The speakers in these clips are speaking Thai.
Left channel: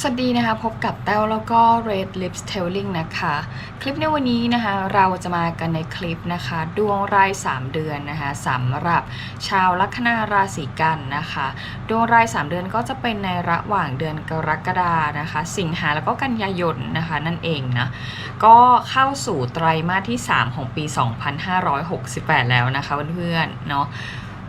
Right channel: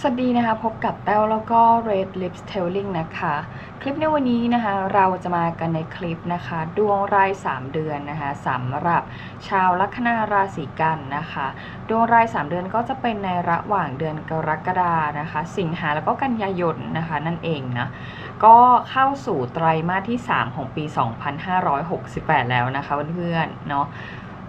สวัสดีนะคะ พบกับแต้วแล้วก็ Red Lips Telling นะคะ คลิปในวันนี้นะคะ เราจะมากันในคลิปนะคะ ดวงราย 3 เดือนนะคะสำหรับชาวลัคนาราศีกันนะคะ ดวงราย 3 เดือนก็จะเป็นในระหว่างเดือนกรกฎานะคะ สิงหาแล้วก็กันยายนนะคะนั่นเองนะก็เข้าสู่ไตรมาสที่ 3 ของปี 2568 แล้วนะคะเพื่อนๆเนาะ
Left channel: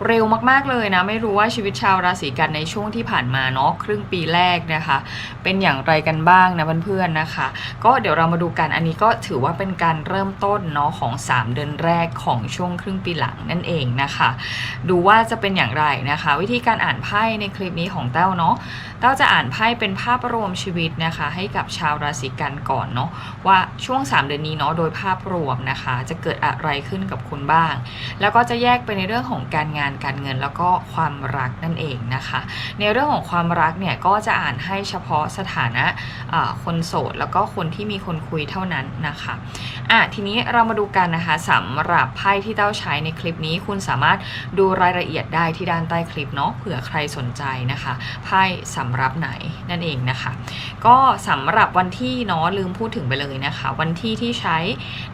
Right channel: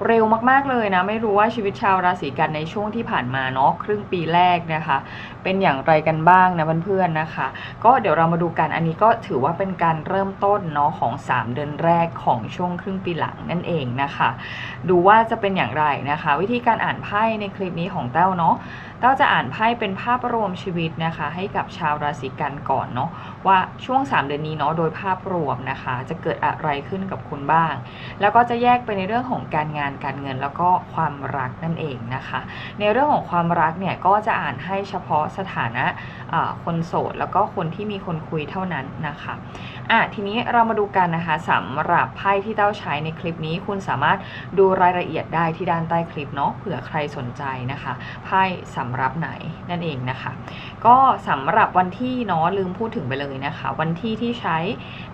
เร็วมากๆเลยนะ ไม่รู้ว่าชีวิตชาวราศีกันในช่วงที่ผ่านมาเนาะครึ่งปีแรกนะคะ เป็นอย่างไรกันบ้างนะเพื่อนๆนะคะ ก็เดี๋ยวเรามาดูกันอันนี้ก็ถือว่าเป็นการเริ่มต้นเนาะของ 3 เดือนแรกของช่วงครึ่งปีหลังนั่นเองนะคะ ดูว่าจะเป็นอย่างไรนะคะ วิธีการอ่านไพ่ในคลิปนี้ของเต้าเนาะเต้าจะอ่านไพ่เป็นภาพรวมชีวิตนะคะ ให้กับชาวราศีกันก่อนเนาะว่าช่วง 3 เดือนนี้เนาะโดยภาพรวมนะคะ จะเกิดอะไรขึ้นกับคุณบ้าง แล้วก็จะแยกไปในเรื่องของการงานการเงินแล้วก็ความรักนั่นเองนะคะ ในเรื่องของความรักเนี่ยก็จะอ่านให้เฉพาะสถานะคนโสดแล้วก็คนที่มีคนคุยเท่านั้นนะคะอะทีนี้เรามาดูกันนะคะสำหรับไพ่ที่เต้าใช้ในคลิปนี้ คุณสามารถดูรายละเอียดได้ที่ด้านใต้คลิปเนาะเผื่อใครสนใจนะคะไพ่สำหรับไหนนั่นเองนะคะ ก็สำหรับวันที่เนาะลืมพูดถึงไปเลยนะคะ วันที่ที่ใช้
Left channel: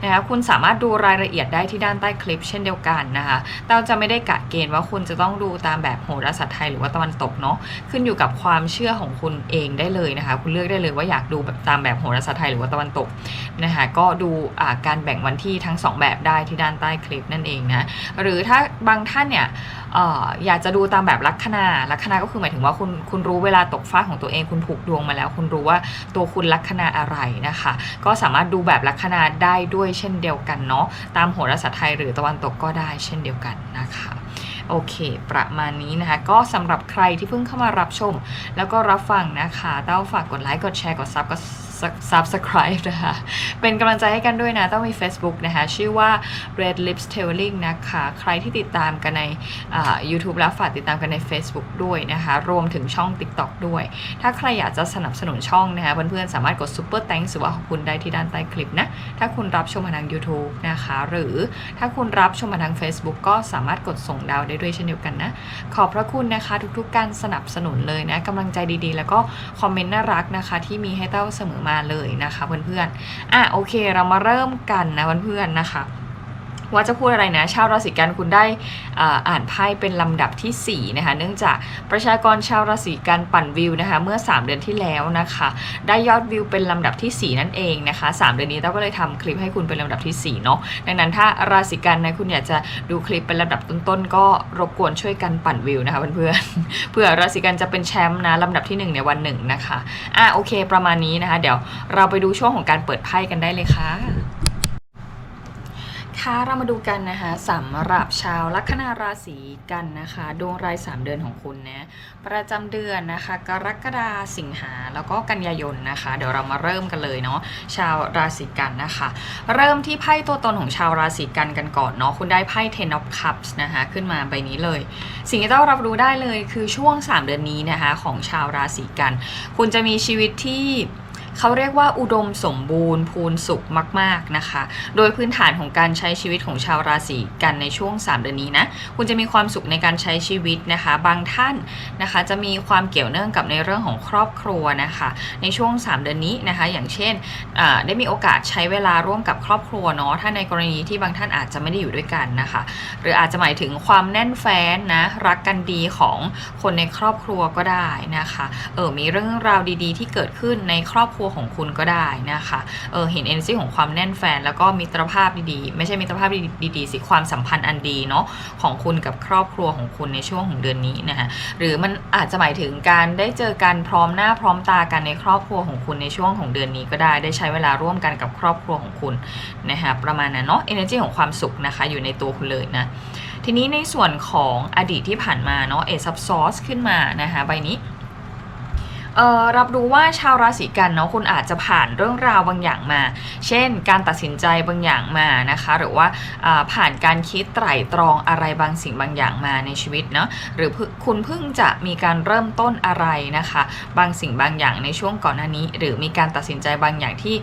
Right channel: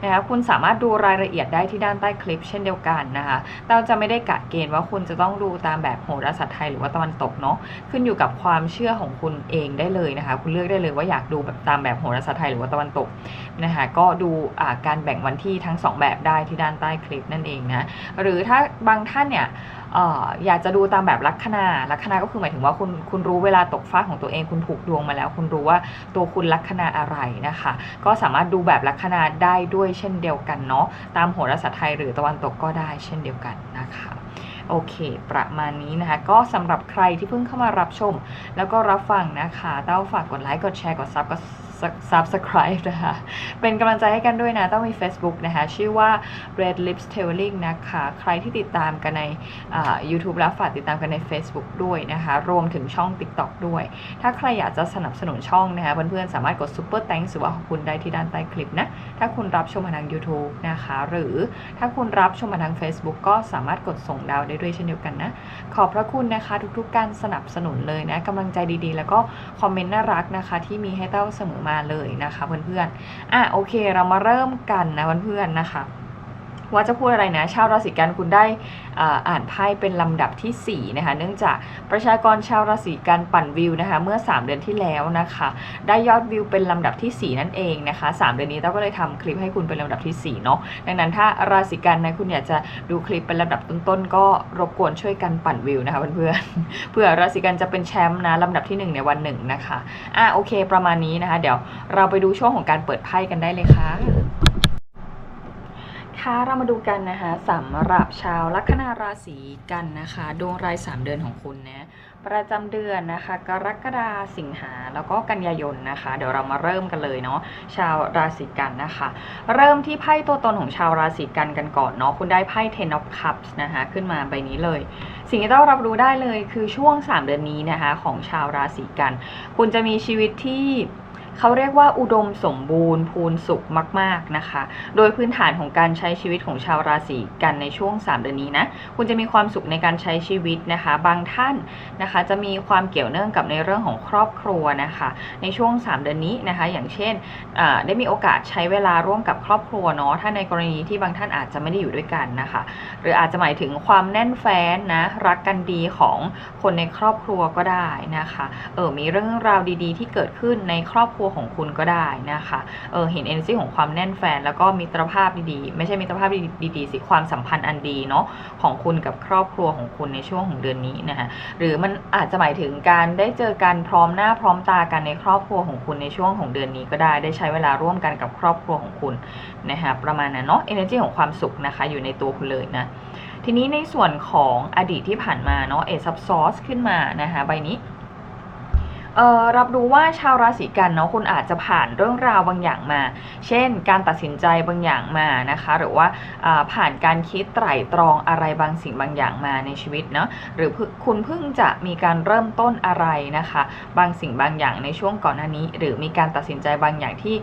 นะคะคุณสามารถดูรายละเอียดได้ที่ด้านใต้คลิป เช่นเดียวกันนะคะเต้าจะไม่ได้กะเกณฑ์ว่าคุณจะต้องดูตามแบบโหราศาสตร์ไทยหรือว่าตะวันตกเนาะขึ้นอยู่กับความเชื่อของคุณเองได้เลยนะคะ คุณเลือกได้เลยว่าอยากดูแบบตามแบบโหราศาสตร์ไทยหรือว่าตะวันตกนะคะก็ดูการแบ่งวันที่ทั้งสองแบบได้ที่ด้านใต้คลิปนั่นเองนะหรือถ้าบางท่านเนี่ยอยากจะดูตามแบบลัคนาลัคนาก็คือหมายถึงว่าคุณคุณรู้เวลาตกฟ้าของตัวเองคุณผูกดวงมาแล้ว คุณรู้ว่าตัวคุณลัคนาอะไรนะคะ ก็สามารถดูแบบลัคนาได้ด้วยเช่นเดียวกันเนาะตามโหราศาสตร์ไทยหรือตะวันตกก็ได้เช่นเดียวกันนะคะ โอเค ประมาณนี้นะคะ ก็สำหรับใครที่เพิ่งเข้ามารับชม แล้วก็รับฟังนะคะเต้าฝากกดไลค์กดแชร์กดซับกด subscribe นะคะ เป็นกำลังใจให้กันด้วยนะ ต้องมี Facebook นะคะ ชื่อว่า Red Lips Telling นะคะ ใครที่ติดตามกันใน YouTube แล้วฝากติดตามกันใน Facebook ด้วยนะคะ รวมถึงช่อง TikTok ด้วย ถ้าใครอยากจะสนับสนุนช่องนะคะเพื่อนๆสามารถกด Super Thanks หรือว่าขอบคุณได้ที่ด้านใต้คลิปนะ ถ้าคุณรับชมมาทาง YouTube นะคะ หรือถ้าคุณรับชมมาทาง Facebook ก็สามารถกดส่งดาวได้ด้วยเช่นเดียวกันนะ ขอบพระคุณนะคะทุกๆการสนับสนุนเลยนะกำลังใจดีๆ แล้วก็คอมเมนต์น่ารักนะคะที่มีให้เต้าเสมอมาเลยนะคะเพื่อนๆอะโอเคเรามาเริ่มกันนะเพื่อนๆนะคะ ว่าจะพูดอะไรนะ ชาวราศีกันคุณได้อ่าอ่านไพ่เป็นลำดับทีสี่4นะคะ เนื่องจากประชากรชาวราศีกันปั่นวิวนะคะเมื่อ 3 เดือนที่แล้วนะคะ ได้ยอดวิวเป็นลำดับทีสี่4 นั่นเองนะคะ 3 เดือนนี้เต้าก็เลยทำคลิปให้คุณเป็นลำดับทีสี่4เนาะ ดังนั้นถ้าราศีกันนะคุณอยากจะดูคลิปเป็นลำดับต้นๆ ก็รบกวนช่วยกันปั่นวิวนะคะเพื่อนๆ เพื่อราศีกันจะเป็นแชมป์นะลำดับที่ 1 ในวันหนึ่งนะคะ อะโอเค ประมาณนี้นะคะ เดี๋ยวเราไปดูช่วงของการเปิดไพ่กันได้เลยค่ะ คะเรามาดูกันนะคะสำหรับชาวลัคนาราศีกันนะคะ ดวงราย 3 เดือนของคุณนะประจำเดือนนะคะ กรกฎาสิงหาแล้วก็กันยายนนะคะ เดี๋ยวเรามาเริ่มกันเลยเนาะชาวราศีกันนะคะ เริ่มที่ไพ่ตัวตนของชาวราศีกันกันก่อนเนาะคุณได้ไพ่ Ten of Cups นะคะขึ้นมาใบนี้เลย สิ่งที่ต้องรับรู้ได้เลยคือช่วง 3 เดือนนี้นะคะของชาวราศีกัน คุณจะมีชีวิตที่ เขาเรียกว่าอุดมสมบูรณ์พูนสุขมาก ๆนะคะ โดยพื้นฐานของการใช้ชีวิตของชาวราศีกันในช่วง 3 เดือนนี้นะคุณจะมีความสุขในการใช้ชีวิตนะคะ บางท่านนะคะจะมีความเกี่ยวเนื่องกับในเรื่องของครอบครัวนะคะ ในช่วง 3 เดือนนี้นะคะ อย่างเช่นได้มีโอกาสใช้เวลาร่วมกับครอบครัวเนาะถ้าในกรณีที่บางท่านอาจจะไม่ได้อยู่ด้วยกันนะคะ หรืออาจจะหมายถึงความแน่นแฟ้นนะรักกันดีของคนในครอบครัวก็ได้นะคะเออมีเรื่องราวดีๆ ที่เกิดขึ้นในครอบครัวของคุณก็ได้นะคะเออเห็น energy ของความแน่นแฟน แล้วก็มิตรภาพดีๆ ไม่ใช่มิตรภาพดีๆสิความสัมพันธ์อันดีเนาะของคุณกับครอบครัวของคุณในช่วงของเดือนนี้นะคะหรือมันอาจจะหมายถึงการได้เจอกันพร้อมหน้าพร้อมตากันในครอบครัวของคุณในช่วงของเดือนนี้ก็ได้ ได้ใช้เวลาร่วมกันกับครอบครัวของคุณนะคะประมาณนั้นเนาะ energy ของความสุขนะคะอยู่ในตัวคุณเลยนะทีนี้ในส่วนของอดีตที่ผ่านมาเนาะเอซับซอสขึ้นมานะคะใบนี้ เอ่อรับรู้ว่าชาวราศีกันเนาะคุณอาจจะผ่านเรื่องราวบางอย่างมา เช่น การตัดสินใจบางอย่างมานะคะ หรือว่าผ่านการคิดไตร่ตรองอะไรบางสิ่งบางอย่างมาในชีวิตเนาะหรือคุณเพิ่งจะมีการเริ่มต้นอะไรนะคะ บางสิ่งบางอย่างในช่วงก่อนหน้านี้ หรือมีการตัดสินใจบางอย่างที่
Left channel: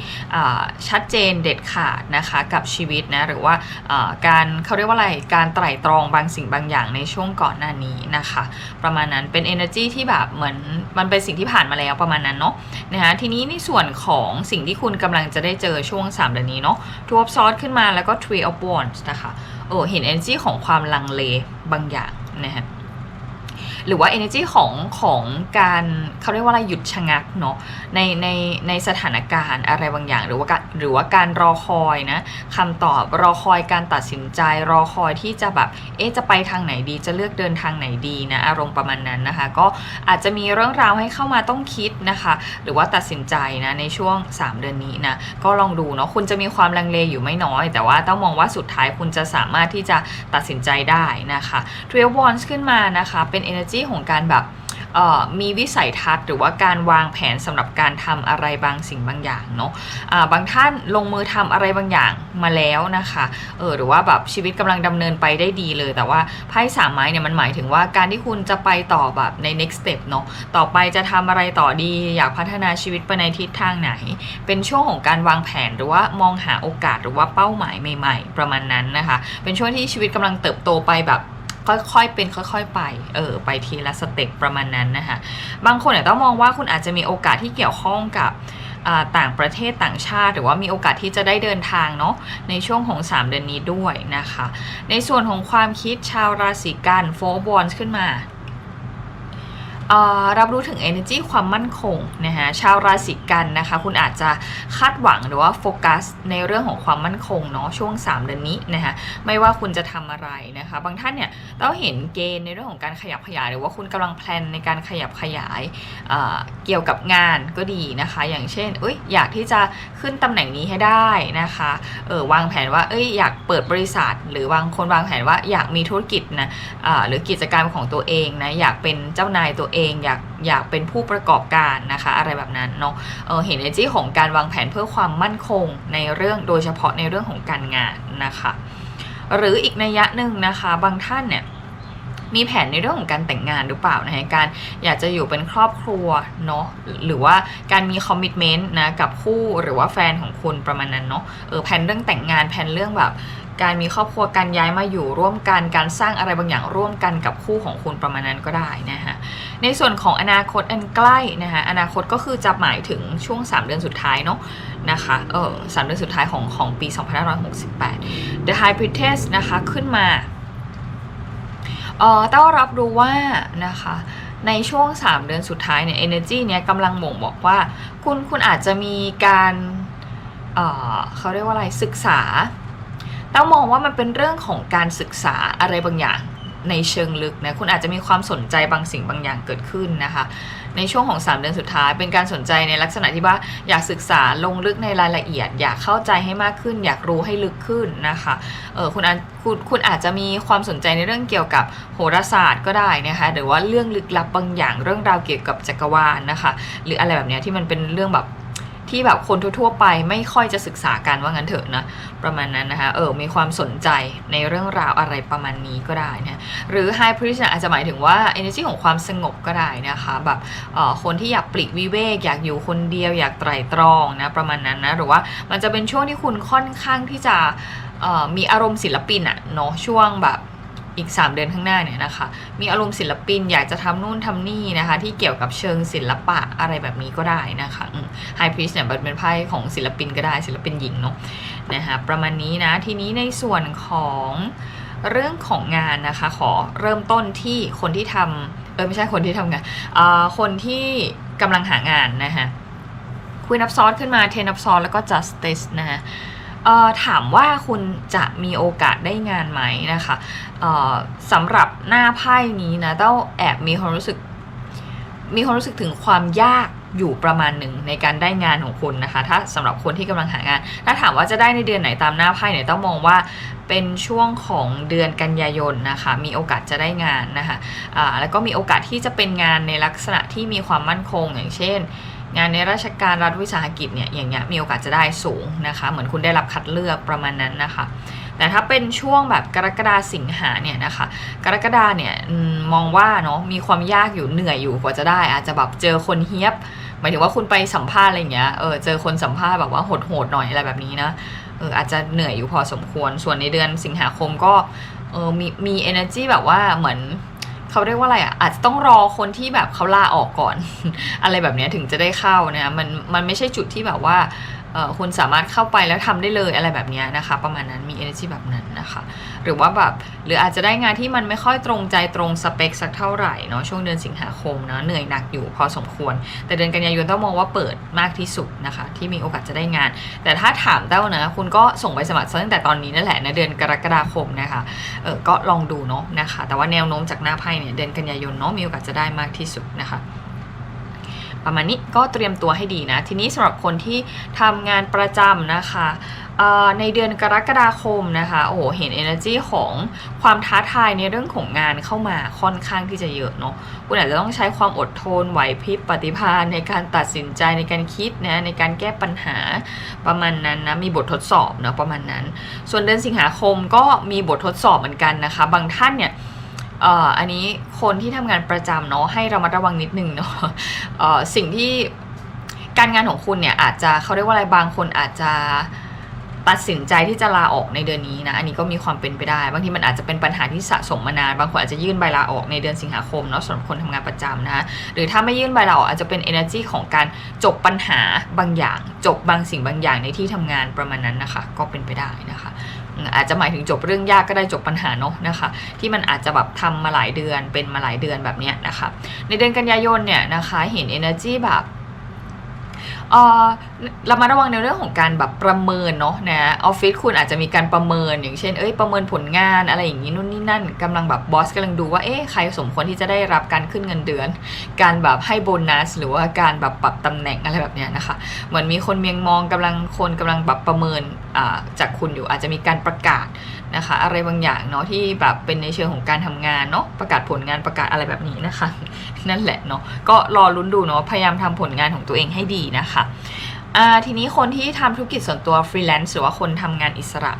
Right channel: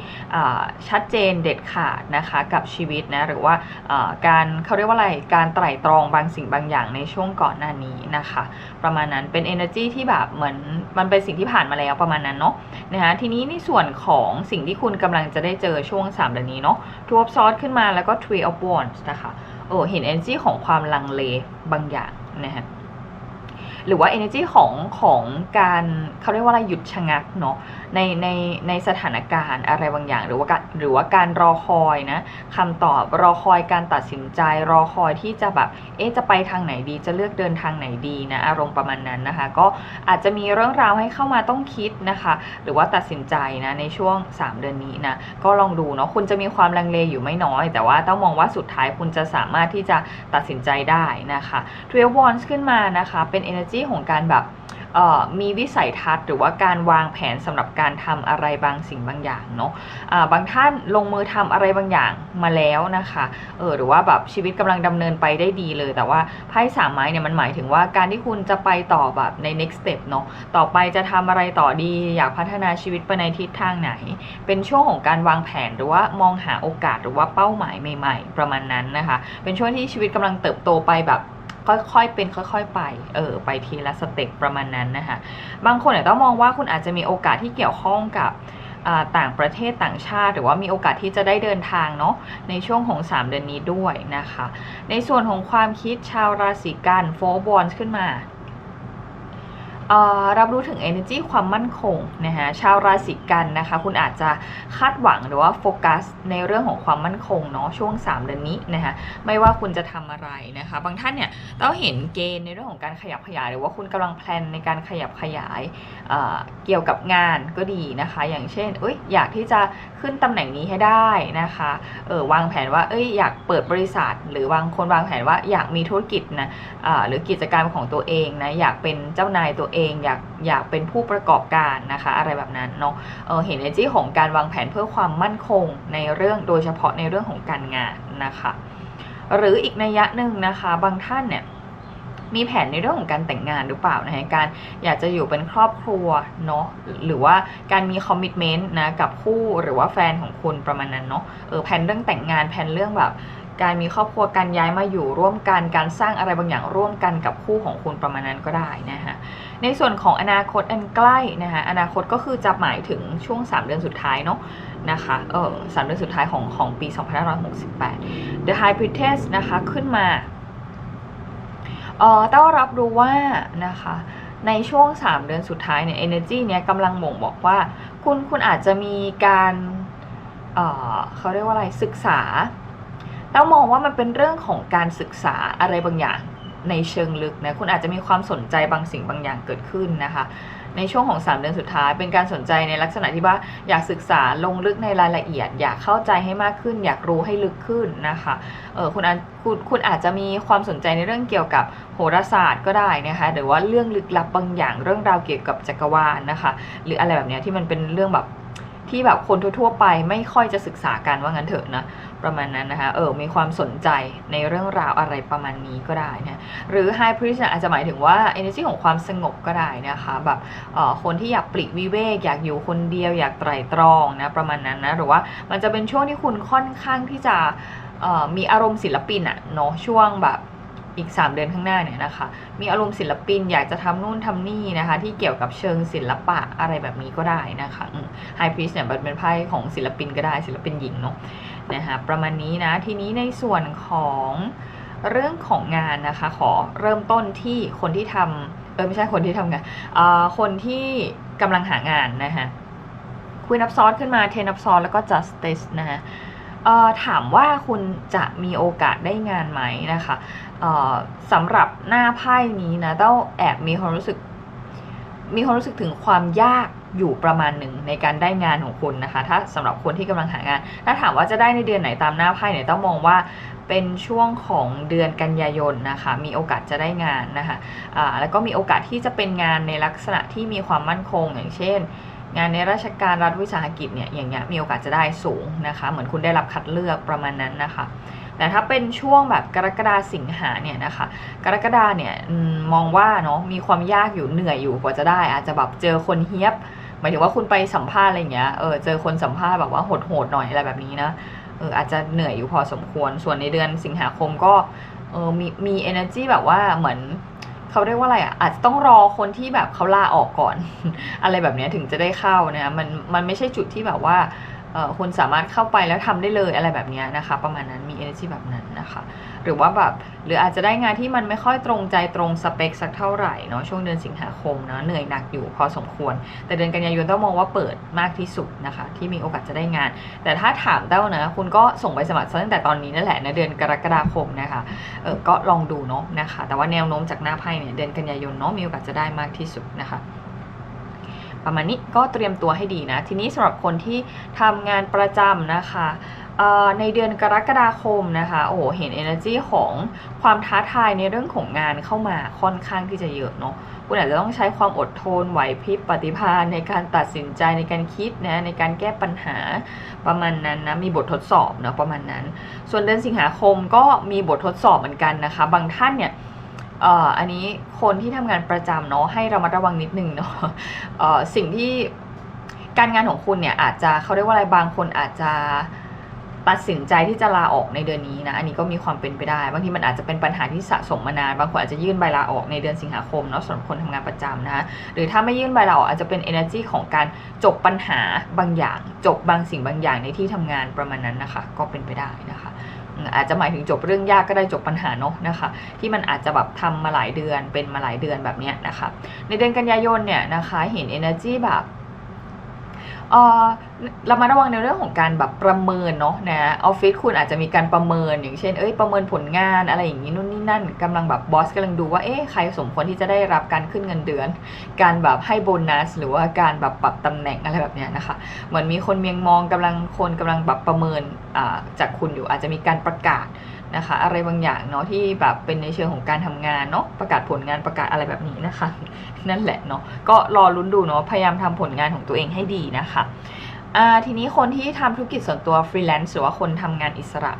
ชัดเจนเด็ดขาดนะคะกับชีวิตนะหรือว่าอ่าการเขาเรียกว่าอะไรการไตร่ตรองบางสิ่งบางอย่างในช่วงก่อนหน้านี้นะคะ ประมาณนั้นเป็น energy ที่แบบเหมือนมันเป็นสิ่งที่ผ่านานมาแล้วประมาณนั้นเนาะนะคะทีนี้ในส่วนของสิ่งที่คุณกำลังจะได้เจอช่วง3เดือนนี้เนาะ Two of Swords ขึ้นมาแล้วก็ Three of Wands นะคะเออเห็น energy ของความลังเลบางอย่างนะฮะ หรือว่า energy ของของการเขาเรียกว่าอะไรหยุดชะงักเนาะในในในสถานการณ์อะไรบางอย่าง หรือว่าการหรือว่าการรอคอยนะคำตอบรอคอยการตัดสินใจ รอคอยที่จะแบบเอ๊ะจะไปทางไหนดี จะเลือกเดินทางไหนดีนะอารมณ์ประมาณนั้นนะคะ ก็อาจจะมีเรื่องราวให้เข้ามาต้องคิดนะคะ หรือว่าตัดสินใจนะในช่วง 3 เดือนนี้นะก็ลองดูเนาะคุณจะมีความลังเลอยู่ไม่น้อย แต่ว่าต้องมองว่าสุดท้ายคุณจะสามารถที่จะตัดสินใจได้นะคะ t r i l w a n s ขึ้นมานะคะเป็น energy ของการแบบมีวิสัยทัศน์หรือว่าการวางแผนสำหรับการทำอะไรบางสิ่งบางอย่างเนาะะบางท่านลงมือทำอะไรบางอย่างมาแล้วนะคะเออหรือว่าแบบชีวิตกำลังดำเนินไปได้ดีเลย แต่ว่าไพ่สามไม้เนี่ยมันหมายถึงว่าการที่คุณจะไปต่อแบบใน next step เนาะต่อไปจะทำอะไรต่อดีอยากพัฒนาชีวิตไปในทิศทางไหน เป็นช่วงของการวางแผนหรือว่ามองหาโอกาสหรือว่าเป้าหมายใหม่ ๆ ประมาณนั้นนะคะ เป็นช่วงที่ชีวิตกำลังเติบโตไปแบบ ค่อยๆเป็นค่อย ๆ ไปเออไปทีละสเต็ปประมาณนั้นนะคะบางคนเนี่ยต้องมองว่าคุณอาจจะมีโอกาสที่เกี่ยวข้องกับต่างประเทศต่างชาติ หรือว่ามีโอกาสที่จะได้เดินทางเนาะในช่วงของ 3 เดือนนี้ด้วยนะคะ ในส่วนของความคิดชาวราศีกันโฟบอลขึ้นมา รับรู้ถึง energy ความมั่นคงนะฮะชาวราศีกันนะคะ คุณอาจจะคาดหวังหรือว่าโฟกัสในเรื่องของความมั่นคงเนาะช่วง 3 เดือนนี้นะคะไม่ว่าคุณจะทำอะไรนะคะ บางท่านเนี่ยต้องเห็นเกณฑ์ในเรื่องของการขยับขยาย หรือว่าคุณกำลังแพลนในการขยับขยายเเกี่ยวกับงานก็ดีนะคะ อย่างเช่นเอ้ยอยากที่จะขึ้นตำแหน่งนี้ให้ได้นะคะเออวางแผนว่าเอ้ยอยากเปิดบริษัท หรือบางคนวางแผนว่าอยากมีธุรกิจนะหรือกิจการของตัวเองนะอยากเป็นเจ้านายตัวเองอยากอยากเป็นผู้ประกอบการนะคะ อะไรแบบนั้นเนาะเเห็นเอจี้ของการวางแผนเพื่อความมั่นคงในเรื่องโดยเฉพาะในเรื่องของการงานนะคะ หรืออีกนัยยะหนึ่งนะคะ บางท่านเนี่ยมีแผนในเรื่องของการแต่งงานหรือเปล่านะฮะการอยากจะอยู่เป็นครอบครัวเนาะหรือว่าการมีคอมมิชเมนต์นะกับคู่หรือว่าแฟนของคุณประมาณนั้นเนาะเออแผนเรื่องแต่งงานแผนเรื่องแบบ การมีครอบครัวการย้ายมาอยู่ร่วมกันการสร้างอะไรบางอย่างร่วมกันกับคู่ของคุณประมาณนั้นก็ได้นะฮะในส่วนของอนาคตอันใกล้นะคะอนาคตก็คือจะหมายถึงช่วง 3 เดือนสุดท้ายเนาะนะคะเออสเดือนสุดท้ายของของปี 2568 The High Priestess นะคะขึ้นมาเออต้ารับรู้ว่านะคะในช่วง 3 เดือนสุดท้ายเนี่ย energy เนี่ยกำลังบ่งบอกว่า คุณคุณอาจจะมีการเเขาเรียกว่าอะไรศึกษา ต้องมองว่ามันเป็นเรื่องของการศึกษาอะไรบางอย่างในเชิงลึกนะคุณอาจจะมีความสนใจบางสิ่งบางอย่างเกิดขึ้นนะคะ ในช่วงของ 3 เดือนสุดท้ายเป็นการสนใจในลักษณะที่ว่าอยากศึกษาลงลึกในรายละเอียด อยากเข้าใจให้มากขึ้น อยากรู้ให้ลึกขึ้นนะคะเออคุณอาคุณคุณอาจจะมีความสนใจในเรื่องเกี่ยวกับโหราศาสตร์ก็ได้นะคะหรือว่าเรื่องลึกลับบางอย่างเรื่องราวเกี่ยวกับจักรวาลนะคะ หรืออะไรแบบนี้ที่มันเป็นเรื่องแบบ ที่แบบคนทั่วๆไปไม่ค่อยจะศึกษากันว่างั้นเถอะนะประมาณนั้นนะคะเออมีความสนใจในเรื่องราวอะไรประมาณนี้ก็ได้นะหรือ High Priest อาจจะหมายถึงว่า energy ของความสงบก็ได้นะคะแบบเออคนที่อยากปลีกวิเวกอยากอยู่คนเดียวอยากไตรตรองนะประมาณนั้นนะหรือว่ามันจะเป็นช่วงที่คุณค่อนข้างที่จะมีอารมณ์ศิลปินอะเนาะช่วงแบบ อีก 3 เดือนข้างหน้าเนี่ยนะคะ มีอารมณ์ศิลปินอยากจะทำนู่นทำนี่นะคะ ที่เกี่ยวกับเชิงศิลปะอะไรแบบนี้ก็ได้นะคะไฮพรีสเนี่ยเป็นไพ่ของศิลปินก็ได้ศิลปินหญิงเนาะนะคะประมาณนี้นะ ทีนี้ในส่วนของเรื่องของงานนะคะ ขอเริ่มต้นที่คนที่ทำเออไม่ใช่คนที่ทำงานคนที่กำลังหางานนะคะคุยนับซอสขึ้นมาเทนับซอสแล้วก็ justice นะคะถามว่าคุณจะมีโอกาสได้งานไหมนะคะ สำหรับหน้าไพ่นี้นะต้องแอบมีความรู้สึก มีความรู้สึกถึงความยากอยู่ประมาณหนึ่งในการได้งานของคุณนะคะ ถ้าสำหรับคนที่กำลังหางาน ถ้าถามว่าจะได้ในเดือนไหนตามหน้าไพ่เนี่ยต้องมองว่าเป็นช่วงของเดือนกันยายนนะคะ มีโอกาสจะได้งานนะคะะแล้วก็มีโอกาสที่จะเป็นงานในลักษณะที่มีความมั่นคงอย่างเช่น งานในราชการรัฐวิสาหกิจเนี่ยอย่างเงี้ยมีโอกาสจะได้สูงนะคะ เหมือนคุณได้รับคัดเลือกประมาณนั้นนะคะ แต่ถ้าเป็นช่วงแบบกรกฎาสิงหาเนี่ยนะคะ กรกฎาเนี่ยมองว่าเนาะมีความยากอยู่เหนื่อยอยู่กว่าจะได้ อาจจะแบบเจอคนเฮียบหมายถึงว่าคุณไปสัมภาษณ์อะไรเงี้ยเออเจอคนสัมภาษณ์แบบว่าโหดๆหน่อยอะไรแบบนี้นะเอออาจจะเหนื่อยอยู่พอสมควร ส่วนในเดือนสิงหาคมก็เออมีมี energy แบบว่าเหมือน เขาเรียกว่าอะไรอะอาจจะต้องรอคนที่แบบเขาลาออกก่อน อะไรแบบนี้ถึงจะได้เข้านะมันมันไม่ใช่จุดที่แบบว่า คุณสามารถเข้าไปแล้วทำได้เลยอะไรแบบนี้นะคะ ประมาณนั้นมี energy แบบนั้นนะคะ หรือว่าแบบหรืออาจจะได้งานที่มันไม่ค่อยตรงใจตรงสเปคสักเท่าไหร่เนาะช่วงเดือนสิงหาคมเนาะเหนื่อยหนักอยู่พอสมควร แต่เดือนกันยายนต้องมองว่าเปิดมากที่สุดนะคะ ที่มีโอกาสจะได้งาน แต่ถ้าถามเต้านะคุณก็ส่งไปสมัครตั้งแต่ตอนนี้นั่นแหละนะเดือนกรกฎาคมนะคะเออก็ลองดูเนาะนะคะ แต่ว่าแนวโน้มจากหน้าไพ่เนี่ยเดือนกันยายนเนาะมีโอกาสจะได้มากที่สุดนะคะ ประมาณนี้ก็เตรียมตัวให้ดีนะ ทีนี้สำหรับคนที่ทำงานประจำนะคะในเดือนกรกฎาคมนะคะโอ้โหเห็น energy ของความท้าทายในเรื่องของงานเข้ามาค่อนข้างที่จะเยอะเนาะคุณอาจจะต้องใช้ความอดทนไหวพริบปฏิภาณในการตัดสินใจในการคิดนะในการแก้ปัญหาประมาณนั้นนะมีบททดสอบเนาะประมาณนั้น ส่วนเดือนสิงหาคมก็มีบททดสอบเหมือนกันนะคะ บางท่านเนี่ย อันนี้คนที่ทำงานประจำเนาะให้ระมัดระวังนิดนึงเนาะสิ่งที่การงานของคุณเนี่ยอาจจะเขาเรียกว่าอะไรบางคนอาจจะตัดสินใจที่จะลาออกในเดือนนี้นะ อันนี้ก็มีความเป็นไปได้ บางทีมันอาจจะเป็นปัญหาที่สะสมมานาน บางคนอาจจะยื่นใบลาออกในเดือนสิงหาคมเนาะสำหรับคนทำงานประจำนะหรือถ้าไม่ยื่นใบลาออกอาจจะเป็น energy ของการจบปัญหาบางอย่าง จบบางสิ่งบางอย่างในที่ทำงานประมาณนั้นนะคะ ก็เป็นไปได้นะคะ อาจจะหมายถึงจบเรื่องยากก็ได้จบปัญหาเนาะนะคะ ที่มันอาจจะแบบทำมาหลายเดือนเป็นมาหลายเดือนแบบนี้นะคะ ในเดือนกันยายนเนี่ยนะคะเห็น energy แบบเออเรามาระวังในเรื่องของการแบบประเมินเนาะนะออฟฟิศคุณอาจจะมีการประเมินอย่างเช่นเอ้ยประเมินผลงานอะไรอย่างนี้นู่นนี่นั่นกำลังแบบบอสกำลังดูว่าเอ๊ะใครสมควรที่จะได้รับการขึ้นเงินเดือน การแบบให้โบนัส หรือว่าการแบบปรับตำแหน่งอะไรแบบเนี้ยนะคะเหมือนมีคนเมียงมองกำลังคนกำลังแบบประเมินจากคุณอยู่อาจจะมีการประกาศนะคะอะไรบางอย่างเนาะที่แบบเป็นในเชิงของการทำงานเนาะประกาศผลงานประกาศอะไรแบบนี้นะคะ นั่นแหละเนาะก็รอลุ้นดูเนาะพยายามทำผลงานของตัวเองให้ดีนะคะทีนี้คนที่ทำธุรกิจส่วนตัวฟรีแลนซ์หรือว่าคนทำงานอิสระ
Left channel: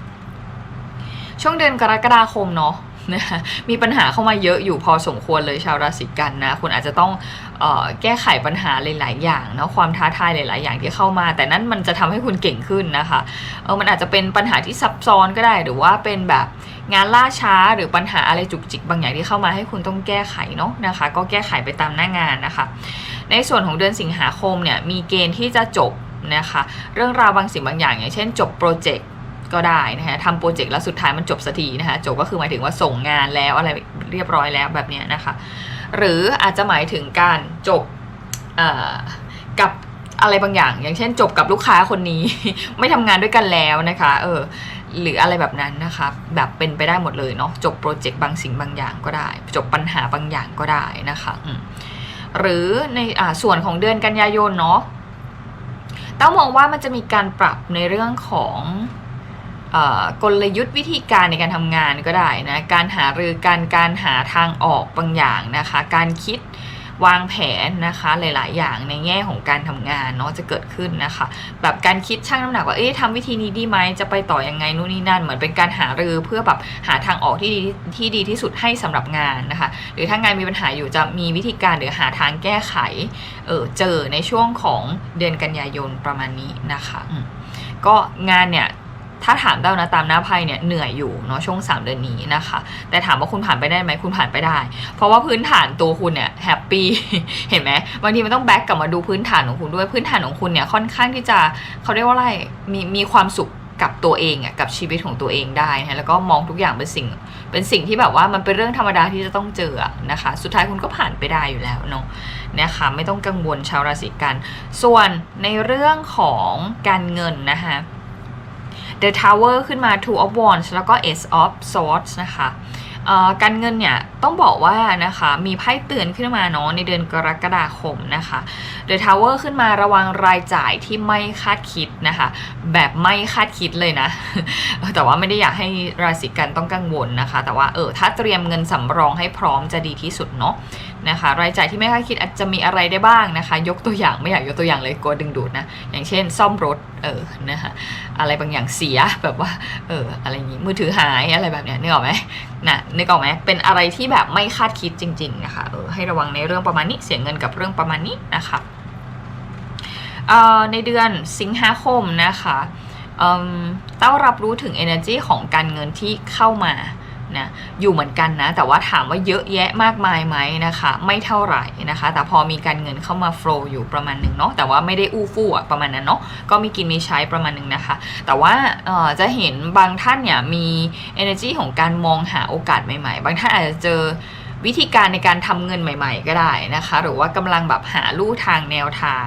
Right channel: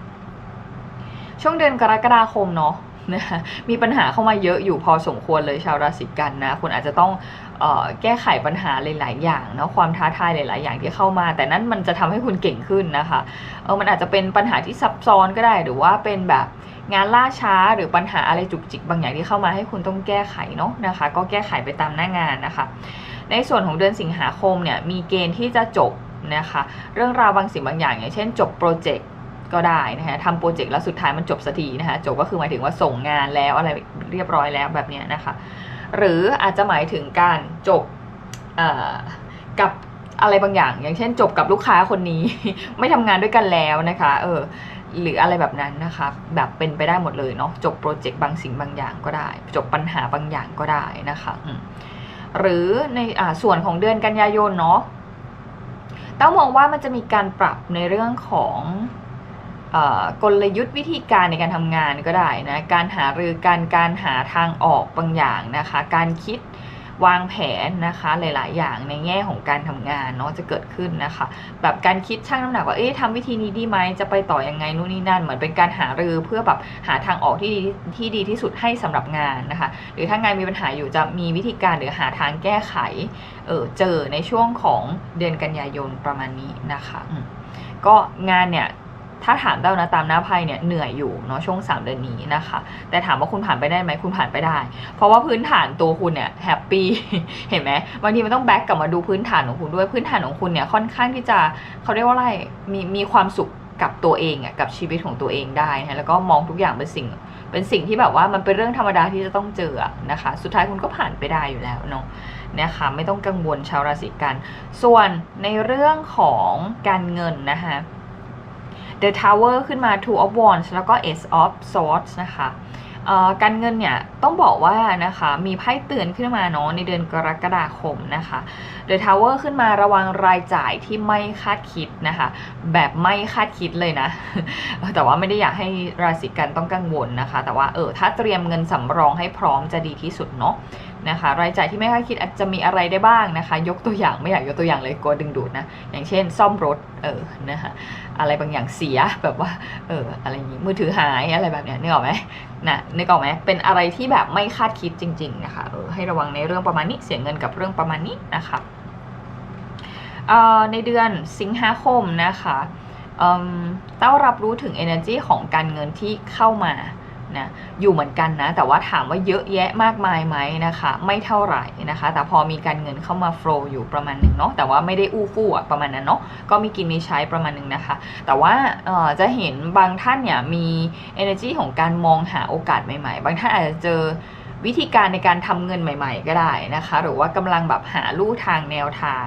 ช่วงเดือนกรกฎาคมเนาะนะคะมีปัญหาเข้ามาเยอะอยู่พอสมควรเลยชาวราศีกันนะคุณอาจจะต้องอ แก้ไขปัญหาหลาย ๆ อย่างเนาะความท้าทายหลาย ๆ อย่างที่เข้ามา แต่นั่นมันจะทำให้คุณเก่งขึ้นนะคะเออมันอาจจะเป็นปัญหาที่ซับซ้อนก็ได้ หรือว่าเป็นแบบงานล่าช้าหรือปัญหาอะไรจุกจิกบางอย่างที่เข้ามาให้คุณต้องแก้ไขเนาะนะคะ ก็แก้ไขไปตามหน้างานนะคะ ในส่วนของเดือนสิงหาคมเนี่ยมีเกณฑ์ที่จะจบนะคะเรื่องราวบางสิ่งบางอย่าง อย่างเช่น จบโปรเจกต์ก็ได้นะคะทำโปรเจกต์แล้วสุดท้ายมันจบสักทีนะคะจบก็คือหมายถึงว่าส่งงานแล้วอะไรเรียบร้อยแล้วแบบนี้นะคะ หรืออาจจะหมายถึงการจบกับอะไรบางอย่าง อย่างเช่น จบกับลูกค้าคนนี้ ไม่ทำงานด้วยกันแล้วนะคะเออหรืออะไรแบบนั้นนะคะแบบเป็นไปได้หมดเลยเนาะจบโปรเจกต์บางสิ่งบางอย่างก็ได้ จบปัญหาบางอย่างก็ได้นะคะหรือในอ่าส่วนของเดือนกันยายนเนาะต้องมองว่ามันจะมีการปรับในเรื่องของ กลยุทธ์วิธีการในการทำงานก็ได้นะ การหารือการการหาทางออกบางอย่างนะคะ การคิดวางแผนนะคะหลาย ๆ อย่างในแง่ของการทำงานเนาะจะเกิดขึ้นนะคะ แบบการคิดชั่งน้ำหนักว่าเอ๊ะทำวิธีนี้ดีไหมจะไปต่อยังไงนู่นนี่นั่น เหมือนเป็นการหารือเพื่อแบบหาทางออกที่ดีที่ดีที่สุดให้สำหรับงานนะคะ หรือถ้างานมีปัญหาอยู่จะมีวิธีการหรือหาทางแก้ไขเออเจอในช่วงของเดือนกันยายนประมาณนี้นะคะก็งานเนี่ย ถ้าถามเดานะตามหน้าไพ่เนี่ยเหนื่อยอยู่เนาะช่วง 3 เดือนนี้นะคะ แต่ถามว่าคุณผ่านไปได้ไหมคุณผ่านไปได้ เพราะว่าพื้นฐานตัวคุณเนี่ยแฮปปี้เห็นไหมบางทีมันต้องแบ็กกลับมาดูพื้นฐานของคุณด้วยพื้นฐานของคุณเนี่ยค่อนข้างที่จะเขาเรียกว่าอะไรมีมีความสุขกับตัวเองอะกับชีวิตของตัวเองได้นะแล้วก็มองทุกอย่างเป็นสิ่ง เป็นสิ่งที่แบบว่ามันเป็นเรื่องธรรมดาที่จะต้องเจอนะคะ สุดท้ายคุณก็ผ่านไปได้อยู่แล้วเนาะนะคะไม่ต้องกังวลชาวราศีกัน ส่วนในเรื่องของการเงินนะคะ The Tower ขึ้นมา Two of Wands แล้วก็ Ace of Swords นะคะการเงินเนี่ยต้องบอกว่านะคะมีไพ่เตือนขึ้นมาเนาะในเดือนกรกฎาคมนะคะ The Tower ขึ้นมาระวังรายจ่ายที่ไม่คาดคิดนะคะ แบบไม่คาดคิดเลยนะ แต่ว่าไม่ได้อยากให้ราศีกันต้องกังวลนะคะ แต่ว่าเออถ้าเตรียมเงินสำรองให้พร้อมจะดีที่สุดเนาะ นะคะรายจ่ายที่ไม่คาดคิดอาจจะมีอะไรได้บ้างนะคะ ยกตัวอย่างไม่อยากยกตัวอย่างเลยกลัวดึงดูดนะอย่างเช่น ซ่อมรถเออนะคะอะไรบางอย่างเสียแบบว่าเอออะไรอย่างงี้มือถือหายอะไรแบบเนี้ยนึกออกไหมนะนึกออกไหมเป็นอะไรที่แบบไม่คาดคิดจริง ๆ นะคะเออให้ระวังในเรื่องประมาณนี้เสียเงินกับเรื่องประมาณนี้นะคะเอ่อในเดือนสิงหาคมนะคะเต้องรับรู้ถึง energy ของการเงินที่เข้ามา นะอยู่เหมือนกันนะ แต่ว่าถามว่าเยอะแยะมากมายไหมนะคะ ไม่เท่าไหร่นะคะ แต่พอมีการเงินเข้ามาโฟลอยู่ประมาณหนึ่งเนาะแต่ว่าไม่ได้อู้ฟู่อะประมาณนั้นเนาะก็มีกินมีใช้ประมาณหนึ่งนะคะ แต่ว่าจะเห็นบางท่านเนี่ยมี energy ของการมองหาโอกาสใหม่ ๆ บางท่านอาจจะเจอ วิธีการในการทำเงินใหม่ ๆ ก็ได้นะคะ หรือว่ากำลังแบบหาลู่ทางแนวทาง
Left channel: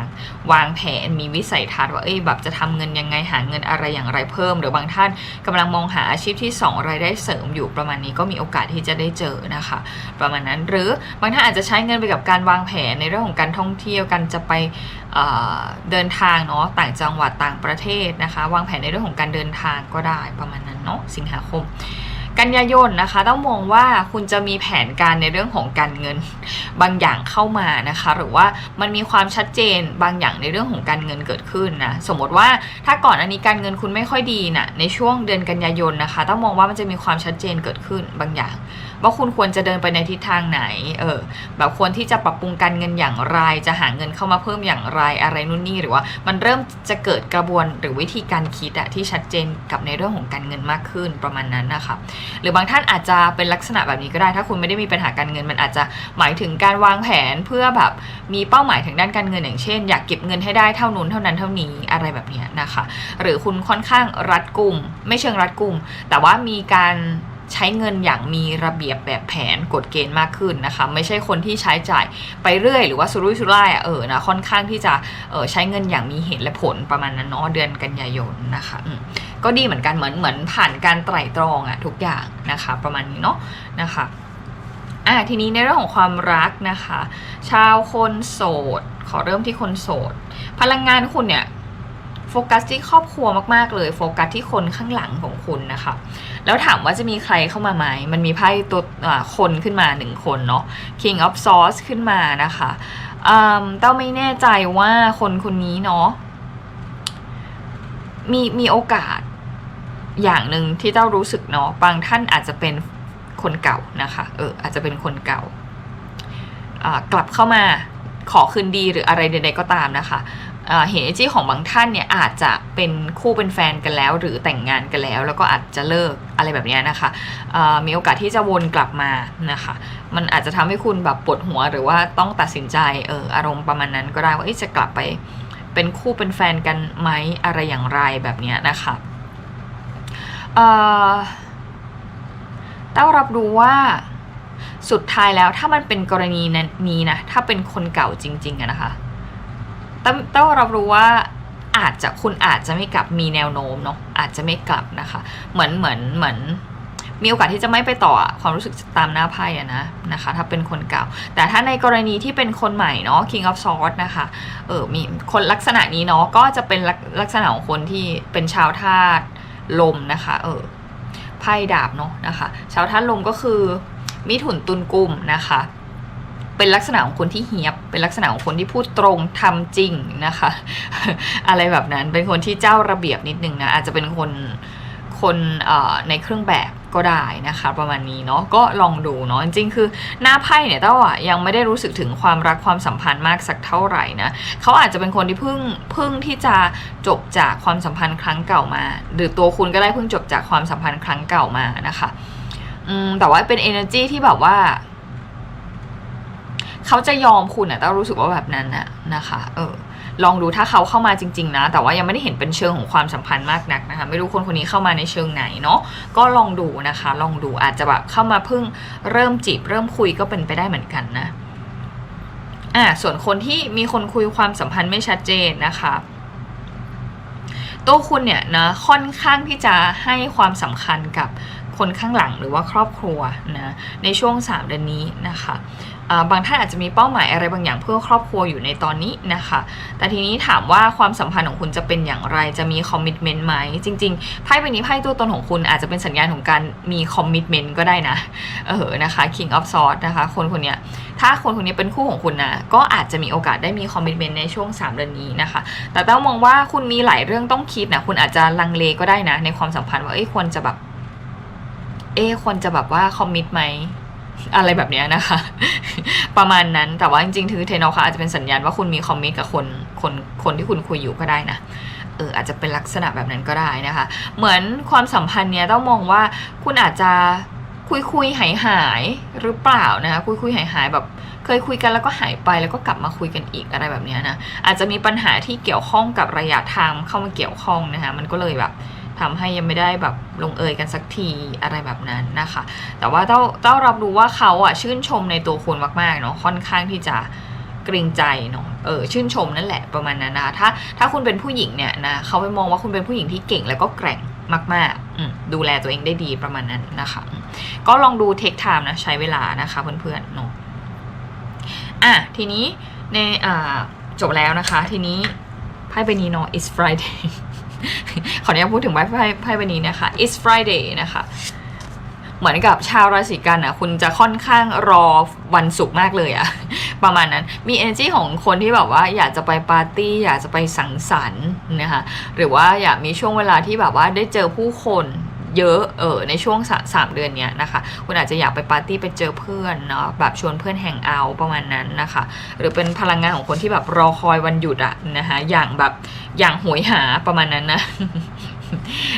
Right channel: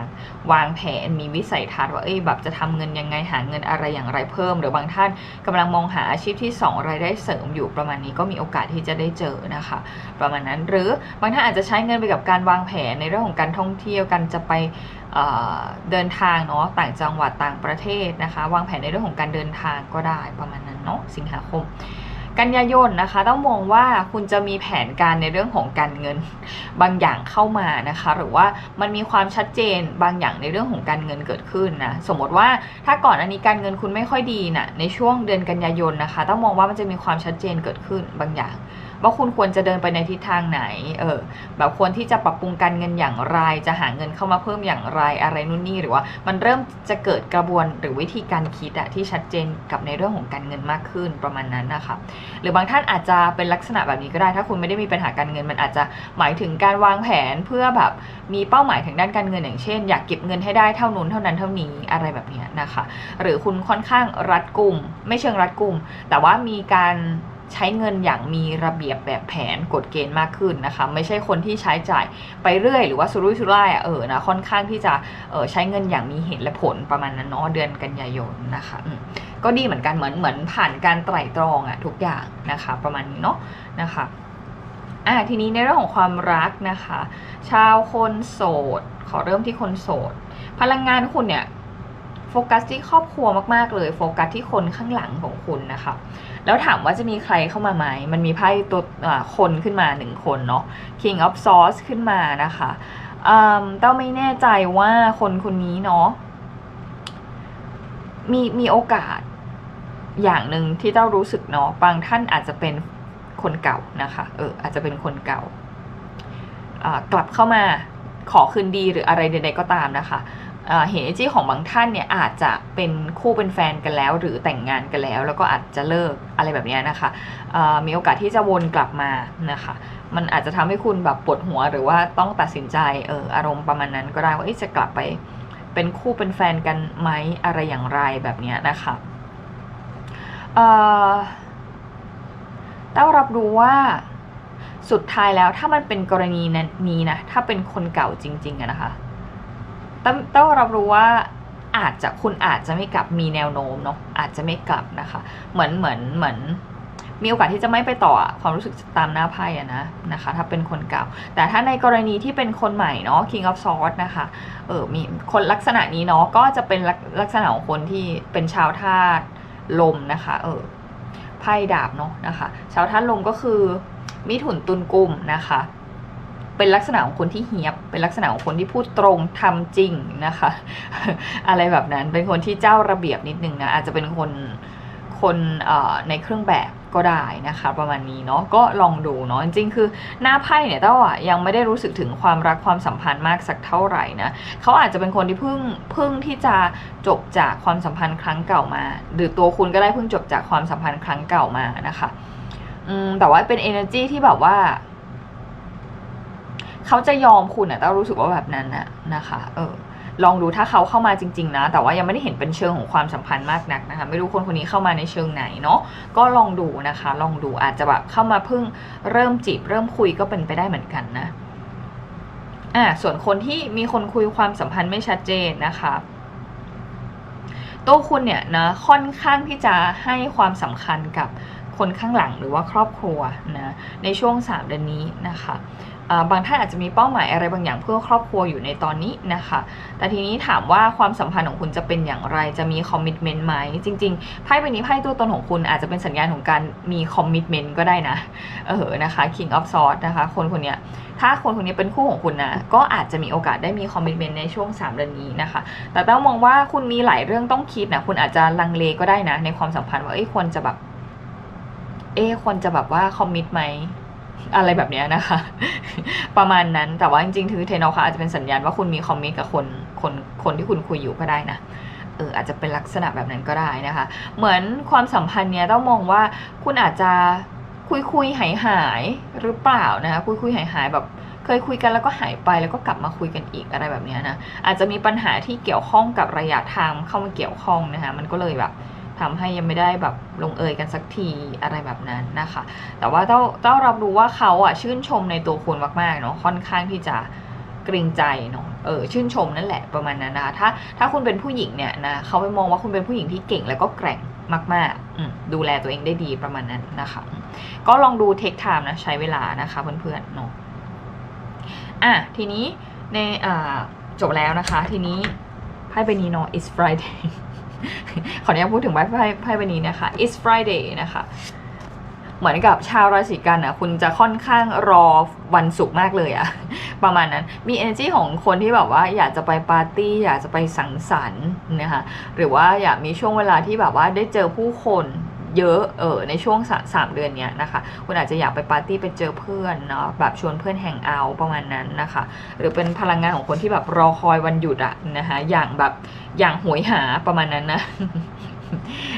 วางแผนมีวิสัยทัศน์ว่าเอ้ยแบบจะทำเงินยังไงหาเงินอะไรอย่างไรเพิ่ม หรือบางท่านกำลังมองหาอาชีพที่สองรายได้เสริมอยู่ประมาณนี้ก็มีโอกาสที่จะได้เจอนะคะ ประมาณนั้นหรือบางท่านอาจจะใช้เงินไปกับการวางแผนในเรื่องของการท่องเที่ยวกันจะไปเดินทางเนาะต่างจังหวัดต่างประเทศนะคะ วางแผนในเรื่องของการเดินทางก็ได้ประมาณนั้นเนาะสิงหาคม กันยายนนะคะ ต้องมองว่าคุณจะมีแผนการในเรื่องของการเงินบางอย่างเข้ามานะคะ หรือว่ามันมีความชัดเจนบางอย่างในเรื่องของการเงินเกิดขึ้นนะสมมติว่าถ้าก่อนอันนี้การเงินคุณไม่ค่อยดีนะในช่วงเดือนกันยายนนะคะ ต้องมองว่ามันจะมีความชัดเจนเกิดขึ้นบางอย่าง ว่าคุณควรจะเดินไปในทิศทางไหน เออ แบบควรที่จะปรับปรุงการเงินอย่างไร จะหาเงินเข้ามาเพิ่มอย่างไร อะไรนู่นนี่ หรือว่า มันเริ่มจะเกิดกระบวนหรือวิธีการคิดอะที่ชัดเจนกับในเรื่องของการเงินมากขึ้นประมาณนั้นนะคะ หรือบางท่านอาจจะเป็นลักษณะแบบนี้ก็ได้ ถ้าคุณไม่ได้มีปัญหาการเงิน มันอาจจะหมายถึงการวางแผนเพื่อแบบมีเป้าหมายทางด้านการเงินอย่างเช่น อยากเก็บเงินให้ได้เท่านู้นเท่านั้นเท่านี้อะไรแบบนี้นะคะ หรือคุณค่อนข้างรัดกุม ไม่เชิงรัดกุม แต่ว่ามีการ ใช้เงินอย่างมีระเบียบแบบแผนกฎเกณฑ์มากขึ้นนะคะไม่ใช่คนที่ใช้จ่ายไปเรื่อย หรือว่าสุรุ่ยสุร่ายอะเออนะค่อนข้างที่จะเออใช้เงินอย่างมีเหตุและผลประมาณนั้นเนาะเดือนกันยายนนะคะก็ดีเหมือนกันเหมือนเหมือนผ่านการไตร่ตรองอะทุกอย่างนะคะ ประมาณนี้เนาะนะคะอะทีนี้ในเรื่องของความรักนะคะ ชาวคนโสด ขอเริ่มที่คนโสด พลังงานคุณเนี่ยโฟกัสที่ครอบครัวมากๆเลย โฟกัสที่คนข้างหลังของคุณนะคะ แล้วถามว่าจะมีใครเข้ามาไหม มันมีไพ่ตัวคนขึ้นมาหนึ่งคนเนาะ King of Swords ขึ้นมานะคะอืมเต้าไม่แน่ใจว่าคนคนนี้เนาะมีมีโอกาสอย่างหนึ่งที่เต้ารู้สึกเนาะบางท่านอาจจะเป็นคนเก่านะคะเอออาจจะเป็นคนเก่าอ่ากลับเข้ามาขอคืนดีหรืออะไรใดๆก็ตามนะคะ เห็นไอจีของบางท่านเนี่ยอาจจะเป็นคู่เป็นแฟนกันแล้ว หรือแต่งงานกันแล้ว แล้วก็อาจจะเลิกอะไรแบบนี้นะคะมีโอกาสที่จะวนกลับมานะคะ มันอาจจะทำให้คุณแบบปวดหัวหรือว่าต้องตัดสินใจเอออารมณ์ประมาณนั้นก็ได้ว่าจะกลับไปเป็นคู่เป็นแฟนกันไหมอะไรอย่างไรแบบนี้นะคะเต้ารับรู้ว่าสุดท้ายแล้วถ้ามันเป็นกรณีนี้นะถ้าเป็นคนเก่าจริงๆอะนะคะ ต้องต้องรับรู้ว่าอาจจะคุณอาจจะไม่กลับมีแนวโน้มเนาะอาจจะไม่กลับนะคะ เหมือนเหมือนเหมือนมีโอกาสที่จะไม่ไปต่อความรู้สึกตามหน้าไพ่อะนะนะคะ ถ้าเป็นคนเก่า แต่ถ้าในกรณีที่เป็นคนใหม่เนาะ King of Swords นะคะเออมีคนลักษณะนี้เนาะก็จะเป็นลักลักษณะของคนที่เป็นชาวธาตุลมนะคะเออไพ่ดาบเนาะนะคะ ชาวธาตุลมก็คือมิถุนตุลกุมนะคะ เป็นลักษณะของคนที่เฮียบ เป็นลักษณะของคนที่พูดตรงทำจริงนะคะ อะไรแบบนั้นเป็นคนที่เจ้าระเบียบนิดนึงนะอาจจะเป็นคนคนในเครื่องแบบก็ได้นะคะประมาณนี้เนาะก็ลองดูเนาะจริงๆคือหน้าไพ่เนี่ยเต้าอะยังไม่ได้รู้สึกถึงความรักความสัมพันธ์มากสักเท่าไหร่นะเขาอาจจะเป็นคนที่เพิ่งเพิ่งที่จะจบจากความสัมพันธ์ครั้งเก่ามา หรือตัวคุณก็ได้เพิ่งจบจากความสัมพันธ์ครั้งเก่ามานะคะอืมแต่ว่าเป็น energy ที่แบบว่า เขาจะยอมคุณอะแต่รู้สึกว่าแบบนั้นนะนะคะเออลองดูถ้าเขาเข้ามาจริง ๆ นะ แต่ว่ายังไม่ได้เห็นเป็นเชิงของความสัมพันธ์มากนักนะคะ ไม่รู้คนคนนี้เข้ามาในเชิงไหนเนาะก็ลองดูนะคะ ลองดูอาจจะแบบเข้ามาเพิ่งเริ่มจีบเริ่มคุยก็เป็นไปได้เหมือนกันนะอ่าส่วนคนที่มีคนคุยความสัมพันธ์ไม่ชัดเจนนะคะตัวคุณเนี่ยนะค่อนข้างที่จะให้ความสำคัญกับคนข้างหลังหรือว่าครอบครัวนะในช่วง 3 เดือนนี้นะคะ บางท่านอาจจะมีเป้าหมายอะไรบางอย่างเพื่อครอบครัวอยู่ในตอนนี้นะคะ แต่ทีนี้ถามว่าความสัมพันธ์ของคุณจะเป็นอย่างไร จะมีคอมมิชเมนต์ไหม จริงๆ ไพ่ใบนี้ไพ่ตัวตนของคุณอาจจะเป็นสัญญาณของการมีคอมมิชเมนต์ก็ได้นะ เออ นะคะ King of Swords นะคะ คนคนนี้ ถ้าคนคนนี้เป็นคู่ของคุณนะ ก็อาจจะมีโอกาสได้มีคอมมิชเมนต์ในช่วง3เดือนนี้นะคะ แต่ต้องมองว่าคุณมีหลายเรื่องต้องคิดนะ คุณอาจจะลังเลก็ได้นะ ในความสัมพันธ์ว่า เอ้ยควรจะแบบ เอ้ควรจะแบบว่าคอมมิตไหม อะไรแบบนี้นะคะ ประมาณนั้นแต่ว่าจริงๆถือเทนอลค่ะอาจจะเป็นสัญญาณว่าคุณมีคอมมิตกับคนคนคนที่คุณคุยอยู่ก็ได้นะเอออาจจะเป็นลักษณะแบบนั้นก็ได้นะคะ เหมือนความสัมพันธ์เนี้ยต้องมองว่าคุณอาจจะคุยคุยหายหายหรือเปล่านะคะคุยคุยหายหายแบบเคยคุยกันแล้วก็หายไปแล้วก็กลับมาคุยกันอีกอะไรแบบนี้นะอาจจะมีปัญหาที่เกี่ยวข้องกับระยะทางเข้ามาเกี่ยวข้องนะคะมันก็เลยแบบ ทำให้ยังไม่ได้แบบลงเอยกันสักทีอะไรแบบนั้นนะคะ แต่ว่าเต้าเต้ารับรู้ว่าเขาอะชื่นชมในตัวคุณมากๆเนาะค่อนข้างที่จะเกรงใจเนาะเออชื่นชมนั่นแหละประมาณนั้นนะคะถ้าถ้าคุณเป็นผู้หญิงเนี่ยนะเขาไปมองว่าคุณเป็นผู้หญิงที่เก่งแล้วก็แกร่งมากๆดูแลตัวเองได้ดีประมาณนั้นนะคะ ก็ลองดูเทคไทม์นะใช้เวลานะคะเพื่อนๆเนาะอะทีนี้ในอ่าจบแล้วนะคะ ทีนี้ไพ่ใบนี้เนาะ is Friday ขออนุญาตพูดถึงไพ่ไพ่ใบนี้นะคะ it's Friday นะคะเหมือนกับชาวราศีกันอะคุณจะค่อนข้างรอวันศุกร์มากเลยอะประมาณนั้นมี energy ของคนที่แบบว่าอยากจะไปปาร์ตี้อยากจะไปสังสรรค์นะคะหรือว่าอยากมีช่วงเวลาที่แบบว่าได้เจอผู้คน เยอะเออในช่วงสามเดือนนี้นะคะ คุณอาจจะอยากไปปาร์ตี้ไปเจอเพื่อนเนาะแบบชวนเพื่อนแฮงเอาประมาณนั้นนะคะ หรือเป็นพลังงานของคนที่แบบรอคอยวันหยุดอะนะคะอย่างแบบอย่างโหยหาประมาณนั้นนะ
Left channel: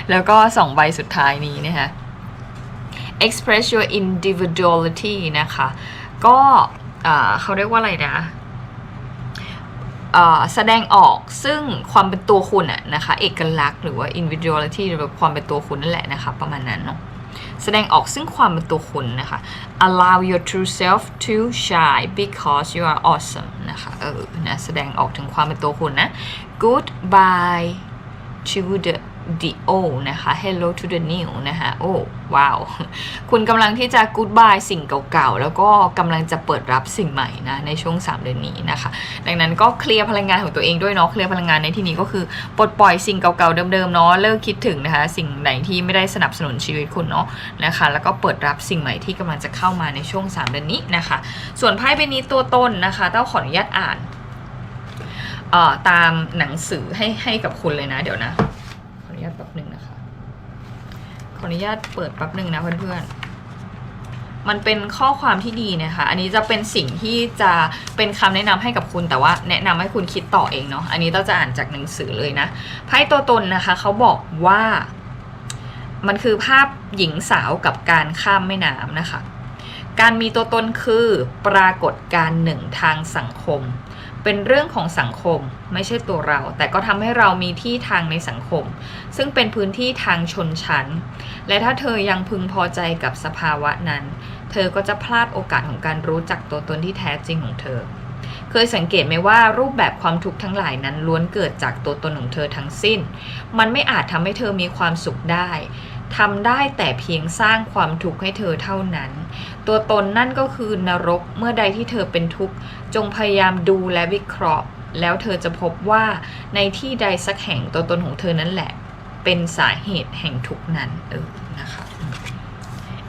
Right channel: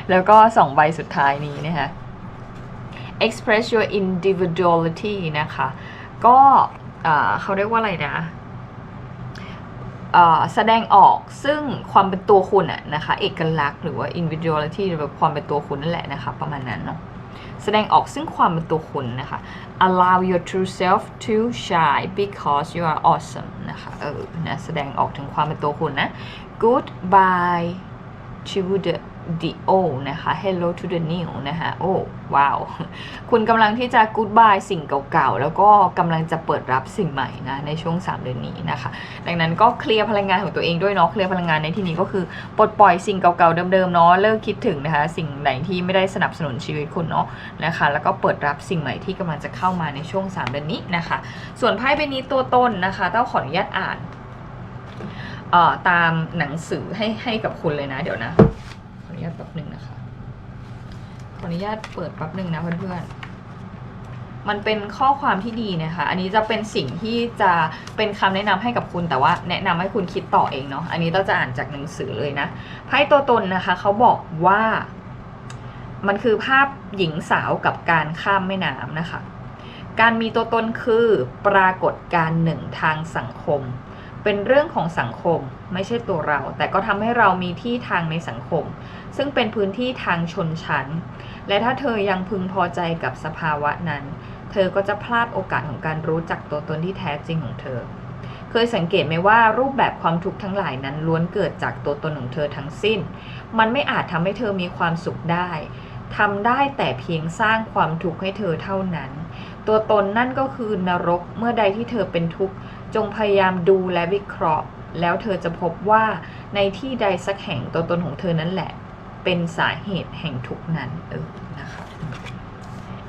แล้วก็สองใบสุดท้ายนี้นะคะ express your individuality นะคะ ก็เขาเรียกว่าอะไรนะ แสดงออกซึ่งความเป็นตัวคุณอะนะคะ เอกลักษณ์หรือว่า individuality หรือแบบความเป็นตัวคุณนั่นแหละนะคะ ประมาณนั้นเนาะแสดงออกซึ่งความเป็นตัวคุณนะคะ allow your true self to shine because you are awesome นะคะเออนะแสดงออกถึงความเป็นตัวคุณนะ goodbye to the the old นะคะ hello to the new นะคะโอ้ว้าว คุณกำลังที่จะ goodbye สิ่งเก่าๆ แล้วก็กำลังจะเปิดรับสิ่งใหม่นะในช่วง 3 เดือนนี้นะคะ ดังนั้นก็เคลียร์พลังงานของตัวเองด้วยเนาะเคลียร์พลังงานในที่นี้ก็คือปลดปล่อยสิ่งเก่าๆ เดิมๆ เนาะเลิกคิดถึงนะคะ สิ่งไหนที่ไม่ได้สนับสนุนชีวิตคุณเนาะนะคะ แล้วก็เปิดรับสิ่งใหม่ที่กำลังจะเข้ามาในช่วง 3 เดือนนี้นะคะ ส่วนไพ่ใบนี้ตัวต้นนะคะต้าขออนุญาตอ่านเอ่อตามหนังสือให้ให้กับคุณเลยนะเดี๋ยวนะ ญาตแป๊บหนึ่งนะคะ ขออนุญาตเปิดแป๊บหนึ่งนะเพื่อนๆ มันเป็นข้อความที่ดีนะคะ อันนี้จะเป็นสิ่งที่จะเป็นคำแนะนำให้กับคุณ แต่ว่าแนะนำให้คุณคิดต่อเองเนาะ อันนี้เราจะอ่านจากหนังสือเลยนะ ไพ่ตัวตนนะคะเขาบอกว่า มันคือภาพหญิงสาวกับการข้ามแม่น้ำนะคะ การมีตัวตนคือปรากฏการหนึ่งทางสังคม เป็นเรื่องของสังคมไม่ใช่ตัวเรา แต่ก็ทำให้เรามีที่ทางในสังคม ซึ่งเป็นพื้นที่ทางชนชั้น และถ้าเธอยังพึงพอใจกับสภาวะนั้น เธอก็จะพลาดโอกาสของการรู้จักตัวตนที่แท้จริงของเธอ เคยสังเกตไหมว่ารูปแบบความทุกข์ทั้งหลายนั้นล้วนเกิดจากตัวตนของเธอทั้งสิ้น มันไม่อาจทำให้เธอมีความสุขได้ ทำได้แต่เพียงสร้างความทุกข์ให้เธอเท่านั้น ตัวตนนั่นก็คือนรกเมื่อใดที่เธอเป็นทุกข์จงพยายามดูและวิเคราะห์ แล้วเธอจะพบว่าในที่ใดสักแห่งตัวตนของเธอนั่นแหละ เป็นสาเหตุแห่งทุกข์นั้นเออนะคะ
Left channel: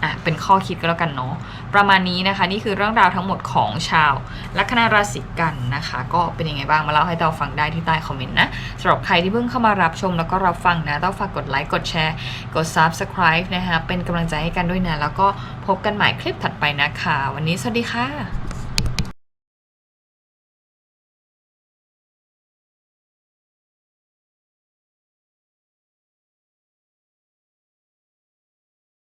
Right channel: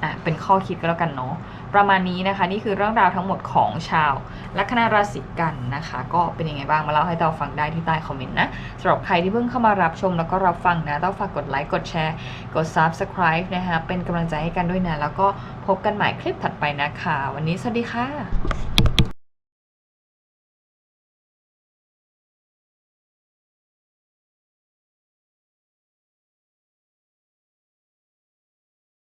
อะเป็นข้อคิดก็แล้วกันเนาะประมาณนี้นะคะ นี่คือเรื่องราวทั้งหมดของชาว ลัคนาราศีกันนะคะ ก็เป็นยังไงบ้างมาเล่าให้เราฟังได้ที่ใต้คอมเมนต์นะสำหรับใครที่เพิ่งเข้ามารับชมแล้วก็รับฟังนะต้องฝากกดไลค์กดแชร์ กด subscribe นะคะเป็นกำลังใจให้กันด้วยนะ แล้วก็พบกันใหม่คลิปถัดไปนะคะ วันนี้สวัสดีค่ะ